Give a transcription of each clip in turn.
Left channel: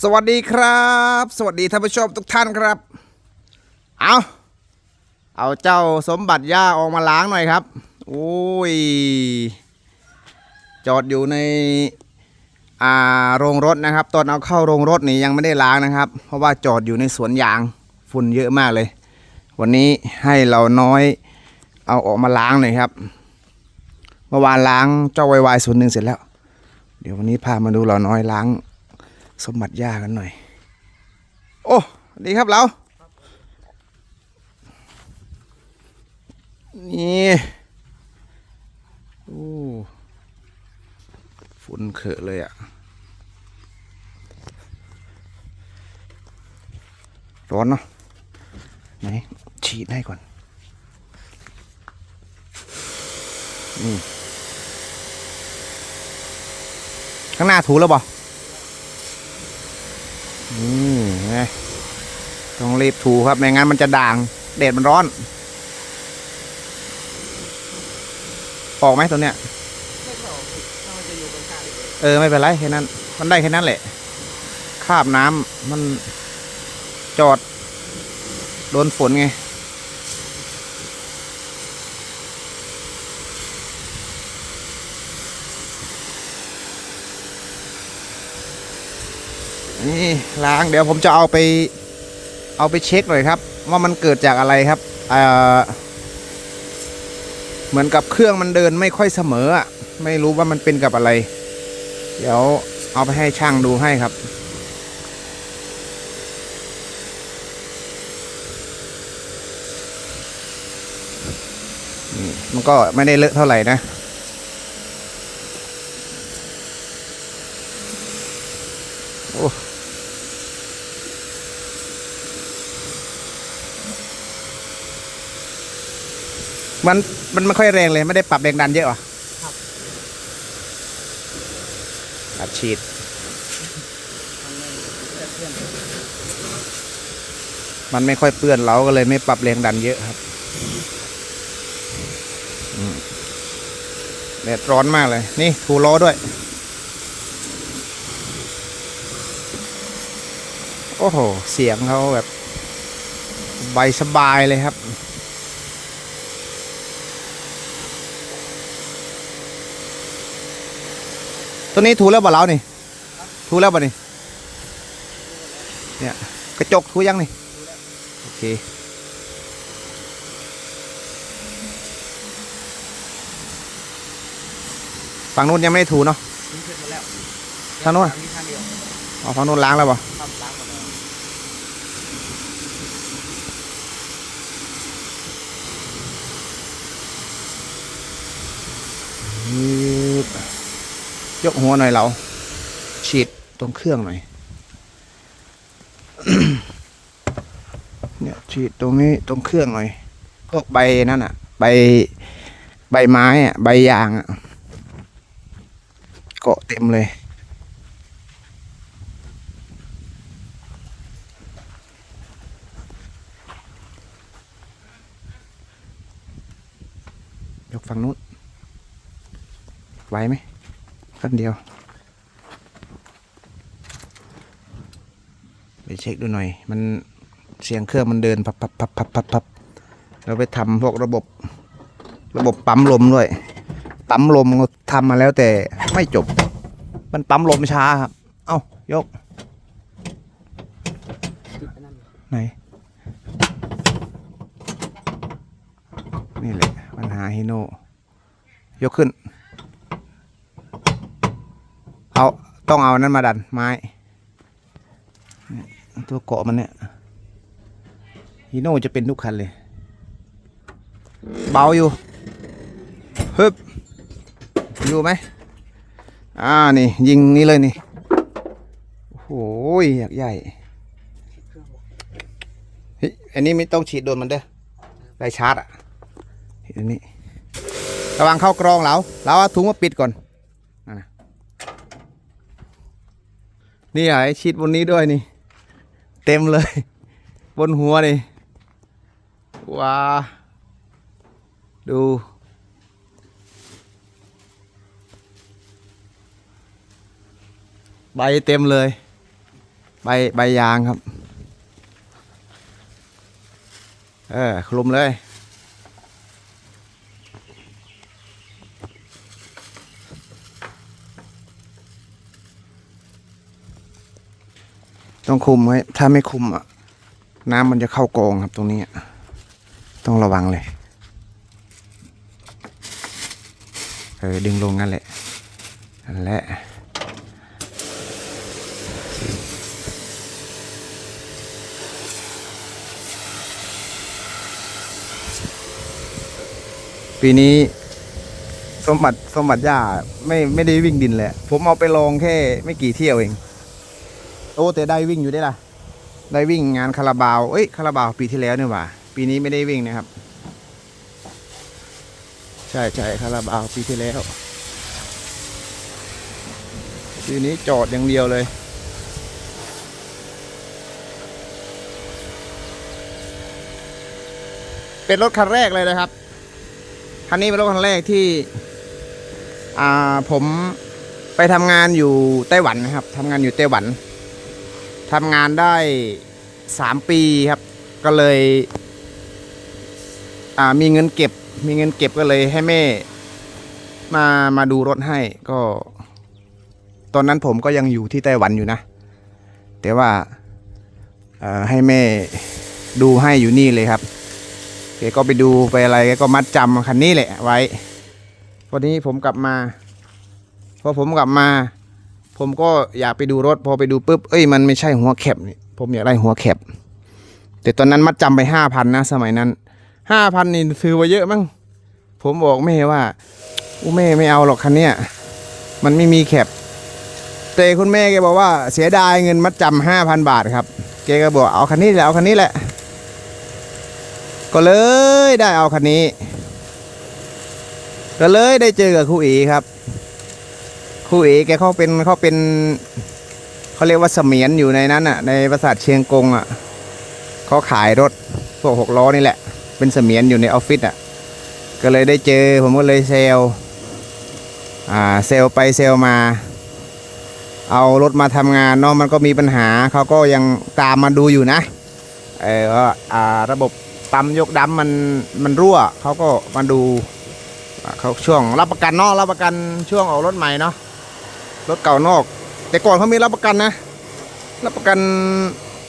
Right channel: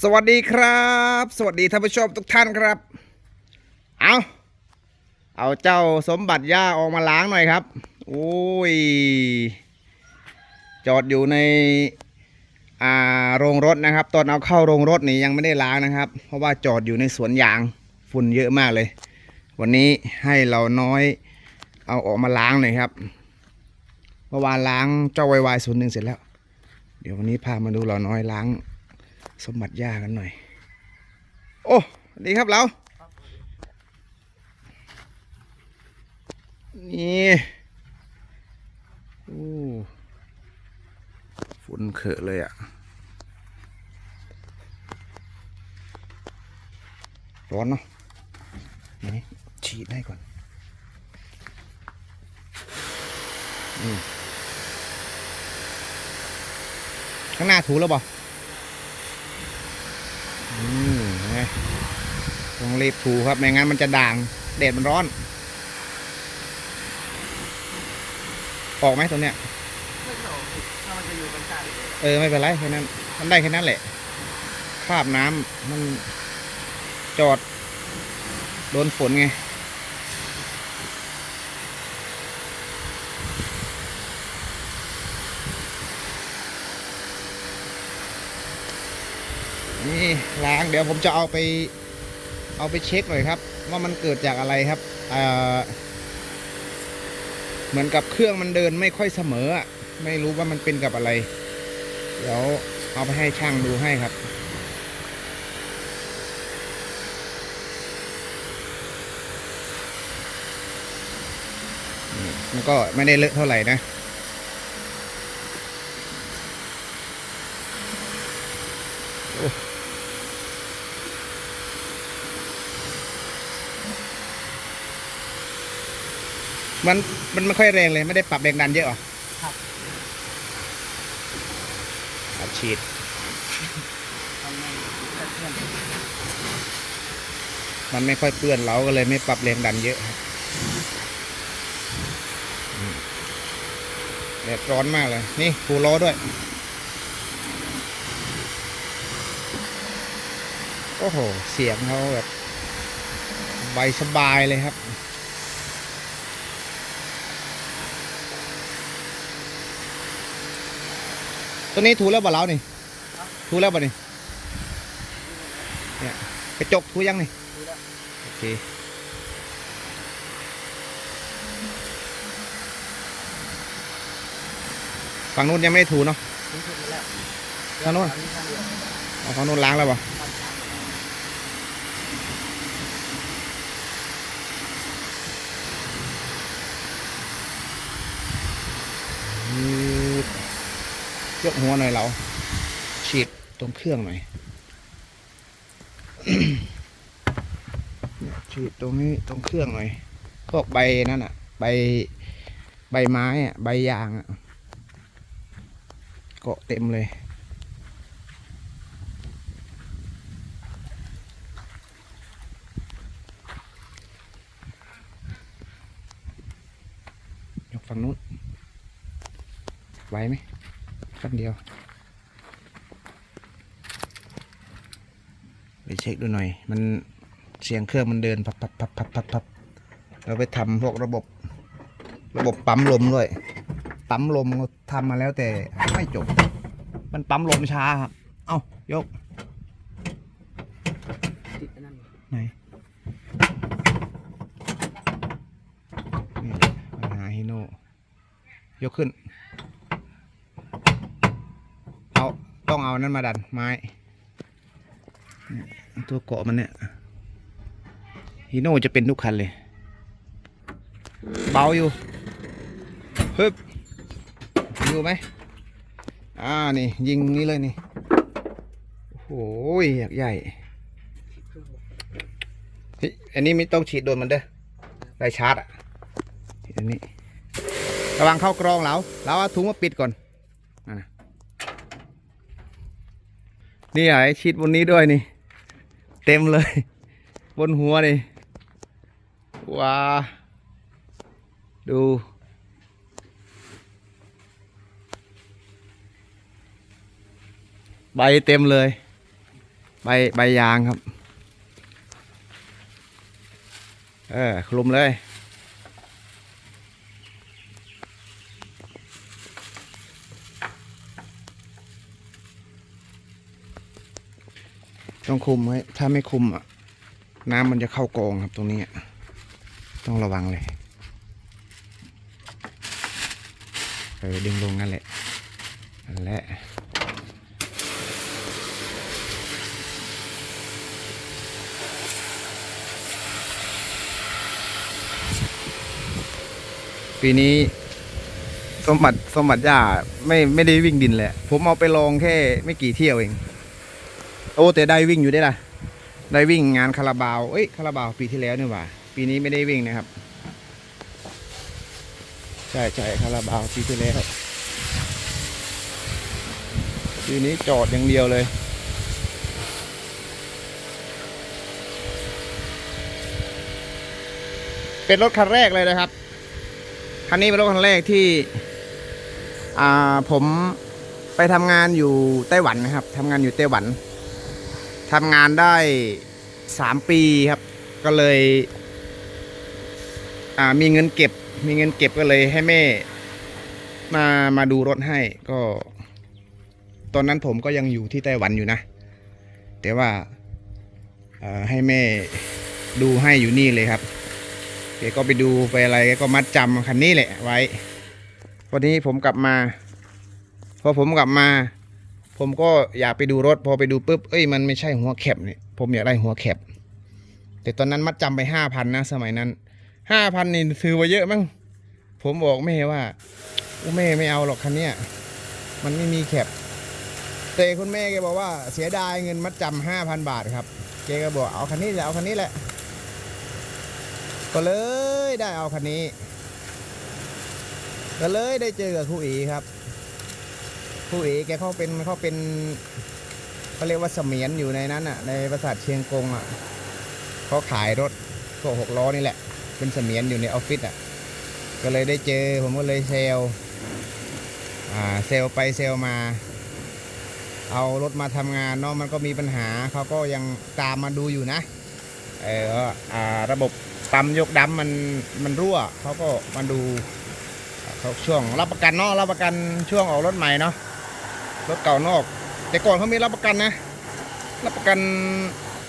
สวัสดีครับ สวัสดีท่านผู้ชมทุกท่านครับ เอาเอาเจ้าสมบัติย่าออกมาล้างหน่อยครับโอ้ย จอดอยู่ในอ่าโรงรถนะครับ ตอนเอาเข้าโรงรถนี่ยังไม่ได้ล้างนะครับ เพราะว่าจอดอยู่ในสวนยางฝุ่นเยอะมากเลย วันนี้ให้เราน้อยเอาออกมาล้างหน่อยครับ เมื่อวานล้างเจ้าไวไวส่วนหนึ่งเสร็จแล้ว เดี๋ยววันนี้พามาดูเราน้อยล้าง สมบัติย่ากันหน่อย โอ้ดีครับเรานี่โอ้ฝุ่นเขอะเลยอะ่ะ ร้อนเนาะไหนฉีดให้ก่อนอืมข้างหน้าถูแล้วบ่ อืมนะต้องรีบถูครับไม่งั้นมันจะด่างแดดมันร้อน ออกไหมตัวเนี้ยไม่เข้าถ้ามันจะอยู่ตรงกลางเลยเออไม่เป็นไรแค่นั้น มันได้แค่นั้นแหละคราบน้ำมันจอด โดนฝนไง นี่ล้างเดี๋ยวผมจะเอาไปเอาไปเช็คหน่อยครับ ว่ามันเกิดจากอะไรครับเออเหมือนกับเครื่องมันเดินไม่ค่อยเสมออะไม่รู้ว่ามันเป็นกับอะไร เดี๋ยวเอาไปให้ช่างดูให้ครับ มันก็ไม่ได้เลอะเท่าไหร่นะ มันมันไม่ค่อยแรงเลย ไม่ได้ปรับแรงดันเยอะหรออัดฉีด มันไม่ค่อยเปื้อนเราก็เลยไม่ปรับแรงดันเยอะครับอืมแดดร้อนมากเลย นี่ถูล้อด้วย โอ้โห เสียงเขาแบบใบสบายเลยครับ ตัวนี้ถูแล้วบ่เรานี่ถูแล้วบ่นี่เนี่ยกระจกถูยังนี่โอเคฝั่งนู้นยังไม่ได้ถูเนาะทางนู้นเอาฝั่งนู้นล้างแล้วบ่ ยกหัวหน่อยเรา ฉีดตรงเครื่องหน่อย เนี่ยฉีดตรงนี้ตรงเครื่องหน่อย พวกใบนั่นอะ ใบใบไม้อะ ใบยางอะ เกาะเต็มเลยยกฝั่งนู้นไหวไหม เดียว ไปเช็คดูหน่อย มันเสียงเครื่องมันเดินพับพับพับพับพับพับเราไปทำพวกระบบระบบปั๊มลมด้วย ปั๊มลมก็ทำมาแล้วแต่ไม่จบ มันปั๊มลมช้าครับ เอ้ายก ไหน นี่แหละปัญหาฮิโน ยกขึ้น เอาต้อง เอานั้นมาดันไม้ตัวเกาะมันเนี่ยฮิโน่จะเป็นทุกคันเลย เบาอยู่ฮึบดูไหมอ่านี่ ยิงนี่เลยนี่โอ้โหอยากใหญ่เฮ้ยอันนี้ไม่ต้องฉีดโดนมันเด้อได้ชาร์จอะอันนี้ระวังเข้ากรองเราเราเอาถุงมาปิดก่อนนะ นี่ไอ้ฉีดบนนี้ด้วยนี่ เต็มเลย บนหัวนี่ว้าดูใบเต็มเลย ใบใบยางครับ เออคลุมเลย ต้องคุมไว้ ถ้าไม่คุมอะ น้ำมันจะเข้ากองครับตรงนี้ ต้องระวังเลย เออ ดึงลงนั่นแหละนั่นแหละปีนี้สมบัติสมบัติย่าไม่ไม่ได้วิ่งดินเลยผมเอาไปลองแค่ไม่กี่เที่ยวเอง โอ้แต่ได้วิ่งอยู่ได้ล่ะ ได้วิ่งงานคาราบาวเอ้ยคาราบาวปีที่แล้วนี่หว่า ปีนี้ไม่ได้วิ่งนะครับ ใช่ใช่คาราบาวปีที่แล้วปีนี้จอดอย่างเดียวเลยเป็นรถคันแรกเลยนะครับ คันนี้เป็นรถคันแรกที่อ่าผมไปทำงานอยู่ไต้หวันนะครับทำงานอยู่ไต้หวัน ทำงานได้สามปีครับ ก็เลยมีเงินเก็บ มีเงินเก็บก็เลยให้แม่ มามาดูรถให้ก็ ตอนนั้นผมก็ยังอยู่ที่ไต้หวันอยู่นะ แต่ว่าให้แม่ดูให้อยู่นี่เลยครับแกก็ไปดูไปอะไรกก็มัดจำคันนี้แหละไว้ วันนี้ผมกลับมาพอผมกลับมา ผมก็อยากไปดูรถ พอไปดูปุ๊บเอ้ยมันไม่ใช่หัวแคบนี่ผมอยากได้หัวแคบแต่ตอนนั้นมัดจำไปห้าพันนะสมัยนั้นห้าพันนี่ถือว่าเยอะมั้งผมบอกแม่ว่าอู้แม่ไม่เอาหรอกคันเนี้ยมันไม่มีแคบแต่คุณแม่แกบอกว่าเสียดายเงินมัดจำห้าพันบาทครับแกก็บอกเอาคันนี้แหละเอาคันนี้แหละ ก็เลยได้เอาคันนี้ ก็เลยได้เจอกับครูเอครับ ครูเอแกเขาเป็นเขาเป็นเขาเรียกว่าเสมียนอยู่ในนั้นอะ ในปราสาทเชียงกงอะเขาขายรถพวกหกล้อนี่แหละ เป็นเสมียนอยู่ในออฟฟิศอะ ก็เลยได้เจอผมก็เลยเซลอ่าเซลไปเซลมา เอารถมาทำงานเนาะมันก็มีปัญหาเขาก็ยังตามมาดูอยู่นะเออว่าอ่าระบบปั๊มยกดำมันมันรั่วเขาก็มาดูเขาช่วงรับประกันเนาะรับประกันช่วงออกรถใหม่เนาะ รถเก่านอก แต่ก่อนเขามีรับประกันนะ รับประกัน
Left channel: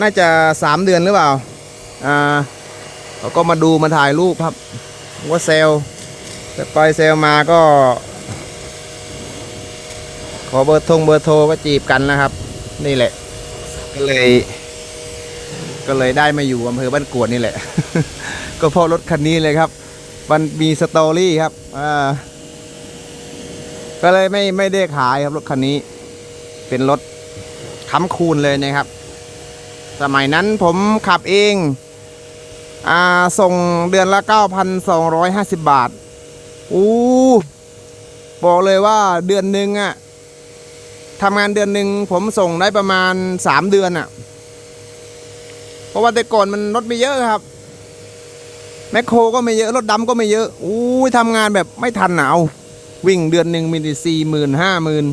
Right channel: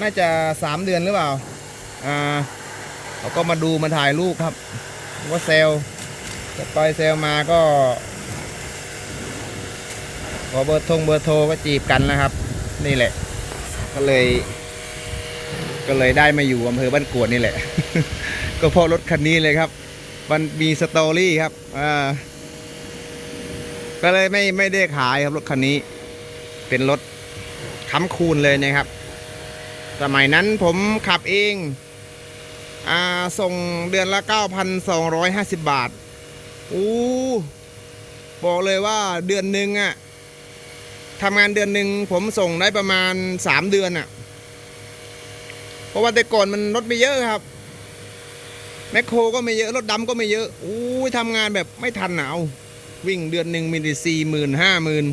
น่าจะสามเดือนหรือเปล่า อ่าเขาก็มาดูมาถ่ายรูปครับ ว่าเซลลแต่ไปเซลมาก็ ขอเบอร์ทงเบอร์โทรก็จีบกันนะครับ นี่แหละ ก็เลย ก็เลยได้มาอยู่อำเภอบ้านกวดนี่แหละ ก็เพราะรถคันนี้เลยครับ มันมีสตอรี่ครับ อ่า ก็เลยไม่ไม่ได้ขายครับรถคันนี้ เป็นรถค้ำคูณเลยนะครับ สมัยนั้นผมขับเองอ่าส่งเดือนละ 9,250 บาทอู้บอกเลยว่าเดือนหนึ่งอะทำงานเดือนหนึ่งผมส่งได้ประมาณสามเดือนอะ่ะ เพราะว่าแต่ก่อนมันรถไม่เยอะครับแมคโครก็ไม่เยอะ รถดำก็ไม่เยอะอู้ทำงานแบบไม่ทันหนาว วิ่งเดือนหนึ่งมีสี่หมื่นห้าหมื่น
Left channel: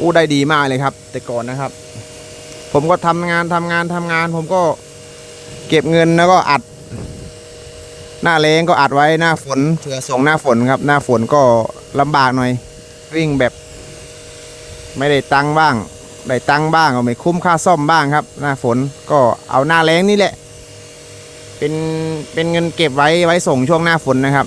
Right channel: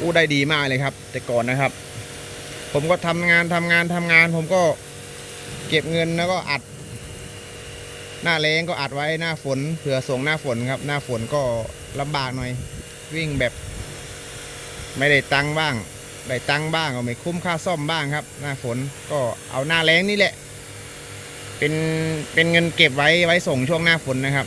อู้ได้ดีมากเลยครับ แต่ก่อนนะครับ ผมก็ทำงานทำงานทำงาน ผมก็เก็บเงินแล้วก็อัด หน้าแรงก็อัดไว้หน้าฝนเผื่อส่งหน้าฝนครับ หน้าฝนก็ลำบากหน่อย วิ่งแบบ ไม่ได้ตังค์บ้างได้ตังค์บ้างก็ไม่คุ้มค่าซ่อมบ้างครับ หน้าฝนก็เอาหน้าแรงนี่แหละ เป็นเป็นเงินเก็บไว้ไว้ส่งช่วงหน้าฝนนะครับ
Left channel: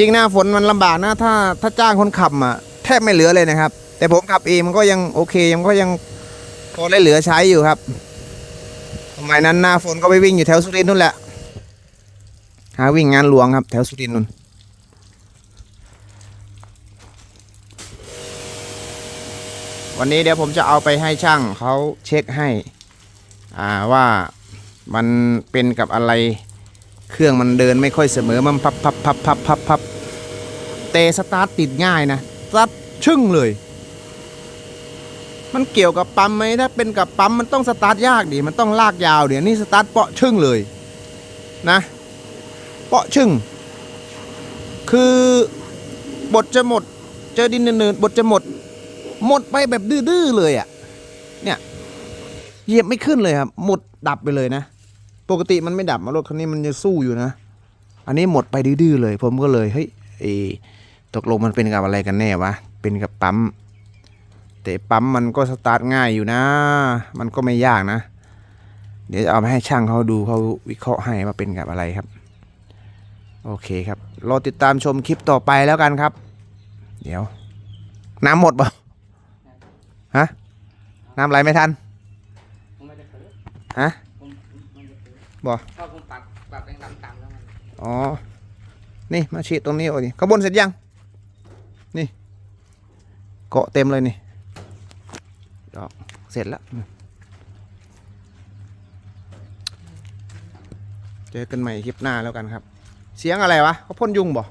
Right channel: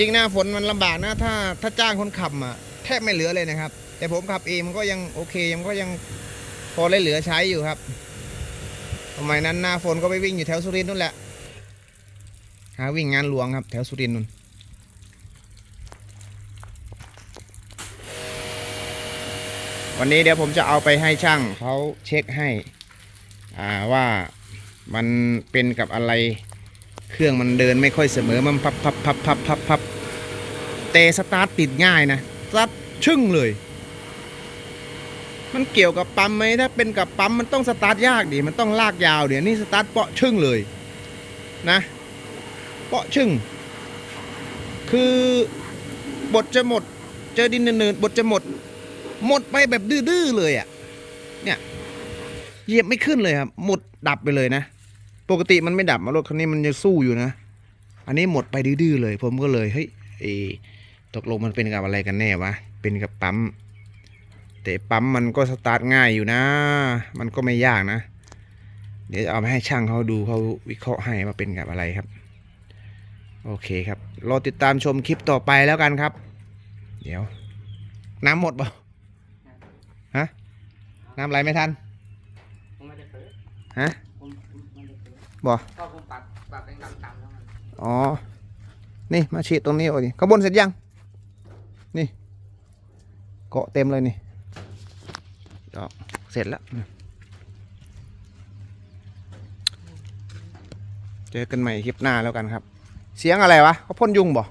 จริงหน้าฝนมันลำบากนะถ้าถ้าจ้างคนขับอะแทบไม่เหลือเลยนะครับ แต่ผมขับเองมันก็ยังโอเคยังก็ยังพอได้เหลือใช้อยู่ครับสมัยนั้นหน้าฝนก็ไปวิ่งอยู่แถวสุรินทร์นู่นแหละหาวิ่งงานหลวงครับ แถวสุรินทร์นู่นวันนี้เดี๋ยวผมจะเอาไปให้ช่างเขาเช็คให้ อ่าว่ามันเป็นกับอะไร เครื่องมันเดินไม่ค่อยเสมอมันพับพับพับพับพับพับเตะสตาร์ทติดง่ายนะสตาร์ทชึ่งเลย มันเกี่ยวกับปั๊มไหมถ้าเป็นกับปั๊มมันต้องสตาร์ทยากดิมันต้องลากยาวเดี๋ยวนี่สตาร์ทเปาะชึ่งเลยนะ เปาะชึ่ง คือบทจะหมด เจอดินเนินบทจะหมด หมดไปแบบดื้อๆเลยอะ่ะเนี่ยเหยียบไม่ขึ้นเลยครับ หมดดับไปเลยนะ ปกติมันไม่ดับมารถคันนี้มันจะสู้อยู่นะ อันนี้หมดไปดื้อเลย ผมก็เลยเฮ้ยเออตกลงมันเป็นกับอะไรกันแน่วะ เป็นกับปั๊ม แต่ปั๊มมันก็สตาร์ทง่ายอยู่นะ มันก็ไม่ยากนะ เดี๋ยวจะเอาไปให้ช่างเขาดูเขาวิเคราะห์ให้ว่าเป็นกับอะไรครับ โอเคครับ รอติดตามชมคลิปต่อไปแล้วกันครับ เดี๋ยว น้ำหมดเปล่าฮะ น้ำไหลไม่ทันฮะ ผมไม่ได้เปิด บ่เพราะผมปรับปรับแรงดันต่ำแล้วมันอ๋อ นี่มาฉีดตรงนี้โอ้ยขางบวนเสร็จยัง นี่ เกาะเต็มเลยนี่ดอกเสร็จแล้วนี่เจอกันใหม่คลิปหน้าแล้วกันครับ เสียงอะไรวะเขาพ่นยุงบ่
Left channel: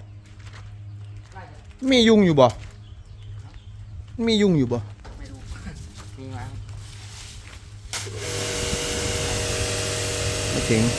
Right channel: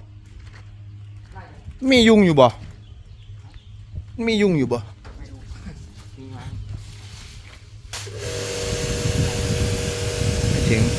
มียุงอยู่บ่ มียุงอยู่บ่ ไ